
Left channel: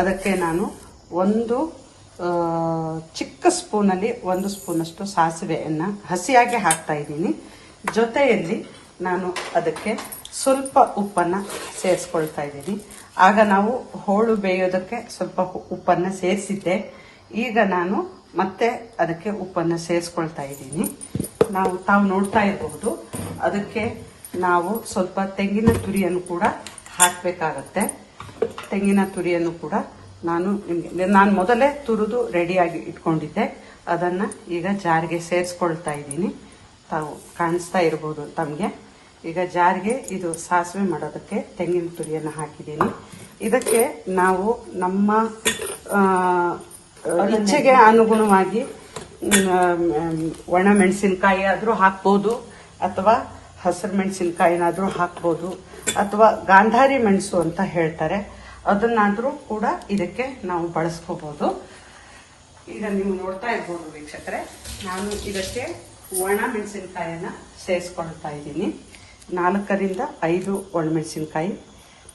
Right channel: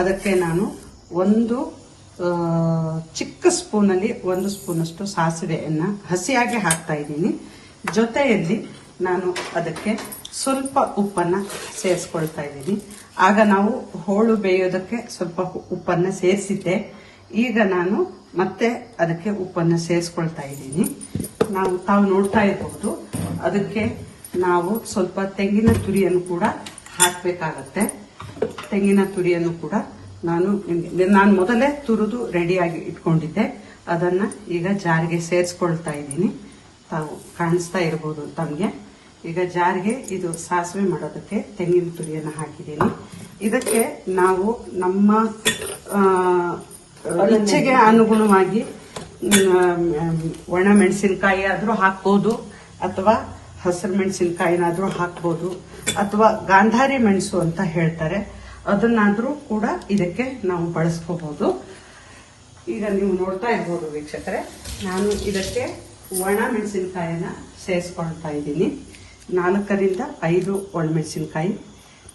ಅದಕ್ಕೆ ನಾನು ಒಂದು ಚಿಕ್ಕ ಸ್ಪೂನಲ್ಲಿ 1 ಸ್ಪೂನಷ್ಟು ಸಾಸಿವೆಯನ್ನು ಹಸಿಯಾಗಿ ಹಾಕ್ತಾ ಇದ್ದೀನಿ. ಜೊತೆಯಲ್ಲಿ ನಾನು ಅದಕ್ಕೆ ಸ್ವಲ್ಪ ಉಪ್ಪನ್ನು ಸೇರಿಸ್ಕೊಳ್ತಾ ಇದ್ದೀನಿ. ಆಗ ನಾವು ಹೋಳು ಬೇಯೋದಕ್ಕೆ ಸ್ವಲ್ಪ ಉಪ್ಪನ್ನು ಸೇರಿಸಿದ್ದೆ. ಈಗ ನಾನು ಮತ್ತೆ ಅದಕ್ಕೆ ಉಪ್ಪನ್ನು ಸೇರಿಸ್ಕೊಳ್ತಾ ಇದ್ದೀನಿ. ತಾವು ನೋಡ್ತಾ ಇರಬಹುದು, ಅದಕ್ಕೆ ನಾವು ಸ್ವಲ್ಪ ತೆಂಗಿನ ತುರಿಯನ್ನು ಕೂಡ ಹಾಕಬೇಕಾಗತ್ತೆ. ತೆಂಗಿನ ತುರಿಯನ್ನು ಕೂಡ ನಾನು ಮೊದಲೇ ತುರಿದು ರೆಡಿಯಾಗಿ ಇಟ್ಕೊಂಡಿದ್ದೆ. ಅದನ್ನು ಈಗ ಜಾರಿಗೆ ಸೇರಿಸ್ಕೊಳ್ತಾ ಇದ್ದೀನಿ. ತಾವು ಕಾಣಿಸ್ತಾ ಇರಬಹುದು ತಮಗೆ. ಈಗ ಜಾರಿಗೆ ಇದು ಸಾಸಿವೆ ಮಾಡೋದಕ್ಕೆ ತೆಂಗಿನ ತುರಿಯನ್ನು ಹಾಕಿದ್ದೀನಿ. ಇದಕ್ಕೆ ನಾವು ನಮ್ಮ ಇಚ್ಛೆಗೆ ಅನುಗುಣವಾಗಿ ಒಣ ಮೆಣಸಿನಕಾಯಿ ಆದರೂ ಹಾಕ್ಬೋದು, ಅಥವಾ ಹಸಿರು ಮೆಣಸಿನಕಾಯಿನಾದರೂ ಹಾಕ್ಬೋದು, ಅಥವಾ ಗಾಂಧಾರಿ ಮೆಣಸು ಅಂತ ಹೇಳ್ತಾರೆ, ಅದನ್ನಾದರೂ ಕೂಡ ಇದಕ್ಕೆ ನಾವು ಬಳಸ್ಕೋಬಹುದು. ಈಗ ನೀವು ನೋಡ್ತಾ ಇರ್ಬೋದು ವೀಕ್ಷಕರೇ, ನಾನು ಇದಕ್ಕೆ ಒಣ ಮೆಣಸಿನಕಾಯಿನ ಸೇರಿಸ್ಕೊಳ್ತಾ ಇದ್ದೀನಿ. 4ರಿಂದ 5 ಒಣಮೆಣಸಿನಕಾಯಿ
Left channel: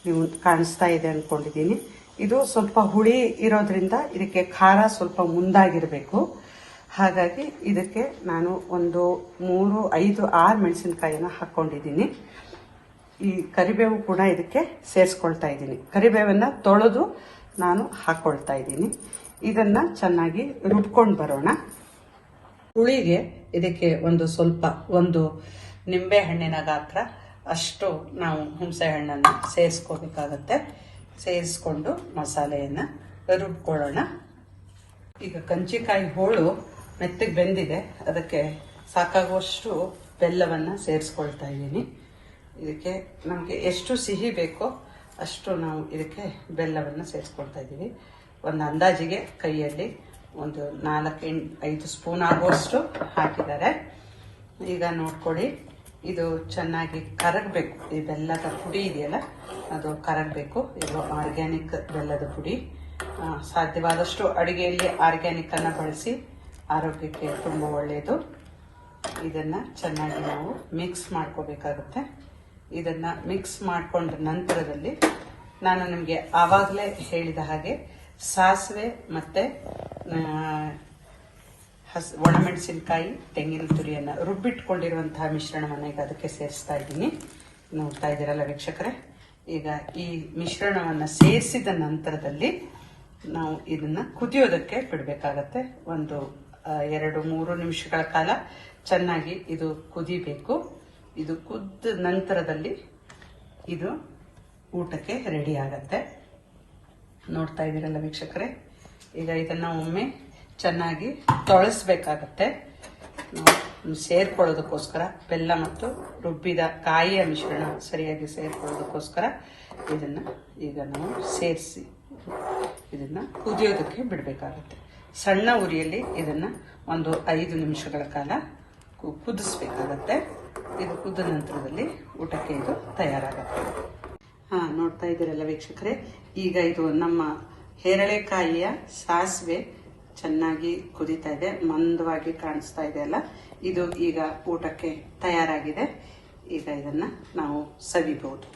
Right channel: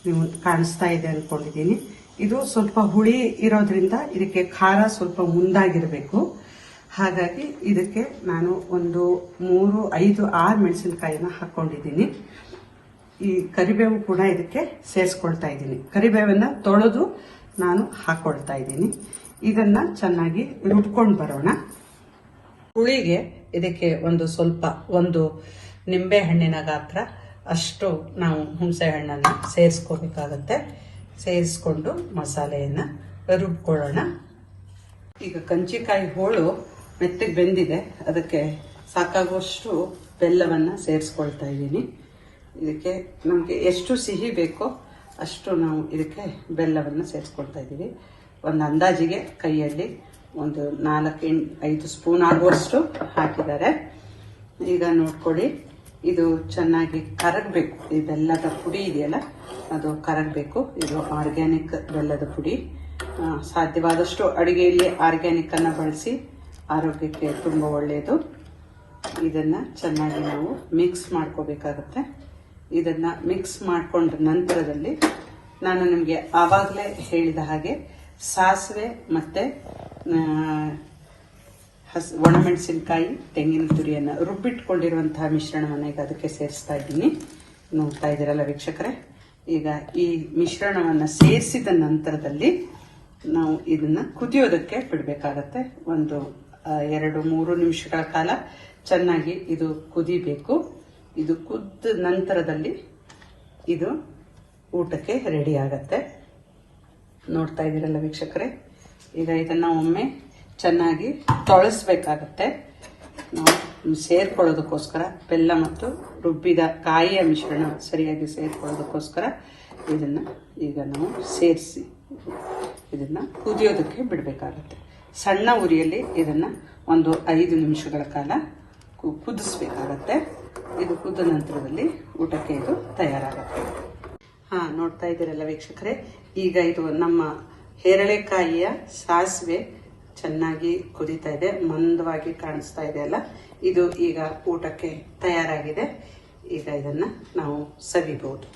ನೀವು ಕಾಣಿಸ್ತಾ ಇದೆ ಅಂದ್ಕೊಂಡಿದ್ದೀನಿ. ಇದು ಸ್ವಲ್ಪ ಹುಳಿ ಇರೋದ್ರಿಂದ ಇದಕ್ಕೆ ಖಾರ ಸ್ವಲ್ಪ ಮುಂದಾಗಿರಬೇಕು. ಹಾಗಾಗಿ ಇದಕ್ಕೆ ನಾನು ಒಂದು 3, 5, 6 ಮೆಣಸಿನಕಾಯಿನ ಹಾಕೊಂಡಿದ್ದೀನಿ. ಈ ಕರಿಬೇವು ಕೂಡ ಇದಕ್ಕೆ ಸೇರಿಸ್ಕೊಳ್ತಾ ಇದ್ದೀನಿ. ಕರಿಬೇವನ್ನ ತೊಳೆದು ನಾನು ಹಾಕೊಳ್ತಾ ಇದ್ದೀನಿ. ಇದನ್ನ ಚೆನ್ನಾಗಿ ರುಬ್ಕೊಂಡು ಬರೋಣ. ಹುಳಿಗೆ ಇದಕ್ಕೆ ಒಂದು ನಿಂಬೆ ಹಣ್ಣಿನ ಗಾತ್ರ ಅಷ್ಟು ನಾವು ಹುಣಸೆ ಹಣ್ಣನ್ನು ಸೇರಿಸ್ಕೋಬೇಕಾಗತ್ತೆ. ಸೇರಿಸ್ಕೊಂಡು ಮಸಾಲೆಯನ್ನು ರುಬ್ಕೊಳ್ಳೋಣ. ಈಗ ಕಂಚಿಕಾಯಿ ಹೋಳು ಮೆತ್ತಗೆ ಬೆಂದಿದೆ, ಅದಕ್ಕೆ ಸಾಕಾಗುವಷ್ಟು ಬೆಲ್ಲವನ್ನು ಸೇರಿಸ್ಕೊಳ್ತಾ ಇದ್ದೀನಿ. ಇದಕ್ಕೆ ನಮಗೆ ಎಷ್ಟು ಸಿಹಿ ಬೇಕೋ ಅಷ್ಟು ನಾವು ಇದಕ್ಕೆ ಬೆಲ್ಲವನ್ನು ಸೇರಿಸ್ಕೊಳ್ತಾ ಇದ್ದೀವಿ. ಒಂದು ಅಂದಾಜಿಗೆ ಕೈಯಲ್ಲಿ ಒಂದು 4-5 ಸ್ಪೂನ್ ಆಗುವಷ್ಟು ಹಾಕಿದ್ದಾರೆ. ಈಗ ನೋಡ್ಕೊಳ್ಳಿ, ಇದು ಚೆನ್ನಾಗಿ ಕರಗಬೇಕು. ಈ ಬೆಲ್ಲದ ಪುಡಿ ಇದೆಯಲ್ಲ ಅದು ಕರಗಬೇಕು. ಇದು ಆರ್ಗ್ಯಾನಿಕ್ ಬೆಲ್ಲದ ಪುಡಿ. ಸಾಧ್ಯವಾದಷ್ಟು ಅಡುಗೆಯಲ್ಲಿ ಆರ್ಗ್ಯಾನಿಕ್ ಅನ್ನು ಬಳಸಿ, ಆರೋಗ್ಯಕ್ಕೆ ತುಂಬ ಒಳ್ಳೆಯದು. ಇದನ್ನ ಚೆನ್ನಾಗಿ ನಾವು ಮಿಕ್ಸ್ ಮಾಡ್ಕೋಬೇಕಾಗತ್ತೆ. ಇದನ್ನ ಮಿಕ್ಸ್ ಮಾಡ್ಕೊಂಡ ನಂತರದಲ್ಲಿ ನಾನು ನಿಮಗೆ ಆವಾಗಲೇ ಹೇಳಿದ ಹಾಗೆ ಸಾಸಿವೆ ಮತ್ತೆ ಒಣಮೆಣಸಿನಕಾಯಿ, ತೆಂಗಿನ ತುರಿಯನ್ನು ರುಬ್ಬಿಟ್ಕೊಂಡಿರುವಂತಹ ಮಿಶ್ರಣವನ್ನು ಈಗ ಅದಕ್ಕೆ ಸೇರಿಸ್ತಾ ಇದ್ದೀನಿ. ನೋಡ್ತಾ ಇದ್ದೀರಲ್ಲ ವೀಕ್ಷಕರೇ. ಈಗ ಈ ಮಿಶ್ರಣವನ್ನು ಸೇರಿಸಿದ ನಂತರದಲ್ಲಿ ನಾವು ಇದನ್ನ ಕುದಿಯೋದಕ್ಕೆ ಬಿಡಬೇಕಾಗತ್ತೆ. ಒಂದು 2-3 ನಿಮಿಷಗಳ ಕಾಲ ಚೆನ್ನಾಗಿ ಇದು ಕುದಿಬೇಕು. ಇದು ಕುದ್ದ ನಂತರದಲ್ಲಿ ಇದು ಊಟಕ್ಕೆ ರೆಡಿ ಆಗತ್ತೆ. ನೋಡ್ತಾ ಇದ್ದೀರಲ್ಲ ವೀಕ್ಷಕರೇ. ಈಗ ಇದನ್ನ ಒಮ್ಮೆ ಚೆನ್ನಾಗಿ ತೊಳಸ್ಬೇಕಾಗತ್ತೆ. ಸೇರ್ಕೊಳ್ಳೋದಕ್ಕೋಸ್ಕರ ಬೆಲ್ಲ ಮತ್ತು ರುಬ್ಬಿದ ಕಾಯಿಯ ಮಿಶ್ರಣ ಸರಿಯಾಗಿ ಸೇರ್ಕೊಳ್ಳೋದಕ್ಕೋಸ್ಕರ ಇದನ್ನ ಈಗ ನಾವು ಸೇರಿಸಿ ಇದನ್ನ ಕುದಿಯೋದಕ್ಕೆ ಬಿಡಬೇಕಾಗತ್ತೆ. ಸಣ್ಣ ಉರಿಯಲ್ಲಿ ಇದನ್ನ ಒಂದು 5 ನಿಮಿಷಗಳ ಕಾಲ ಕುದಿಸ್ಬೇಕಾಗತ್ತೆ. ಇದು ಕುದ್ದ ನಂತರದಲ್ಲಿ ಊಟಕ್ಕೆ ಇದು ತಯಾರಾಗುತ್ತೆ. ನೋಡ್ತಾ ಇದ್ದೀರಲ್ಲ ವೀಕ್ಷಕರೇ. ಈಗ ಇದು ನಮ್ಮ ಹೇರಳೆಕಾಯಿಯ ಸಾಸಿವೆ ಚೆನ್ನಾಗಿ ಕುದೀತಾ ಇದೆ, ಮಂದವಾಗಿ ಕಾಣಿಸ್ತಾ ಇದೆ ಅಲ್ಲ. ಇದು ಈಗ ಊಟಕ್ಕೆ ತಯಾರಾಗಿದೆ. ಈಗ ಇದನ್ನ ನಾವು ಸವಿಬಹುದು.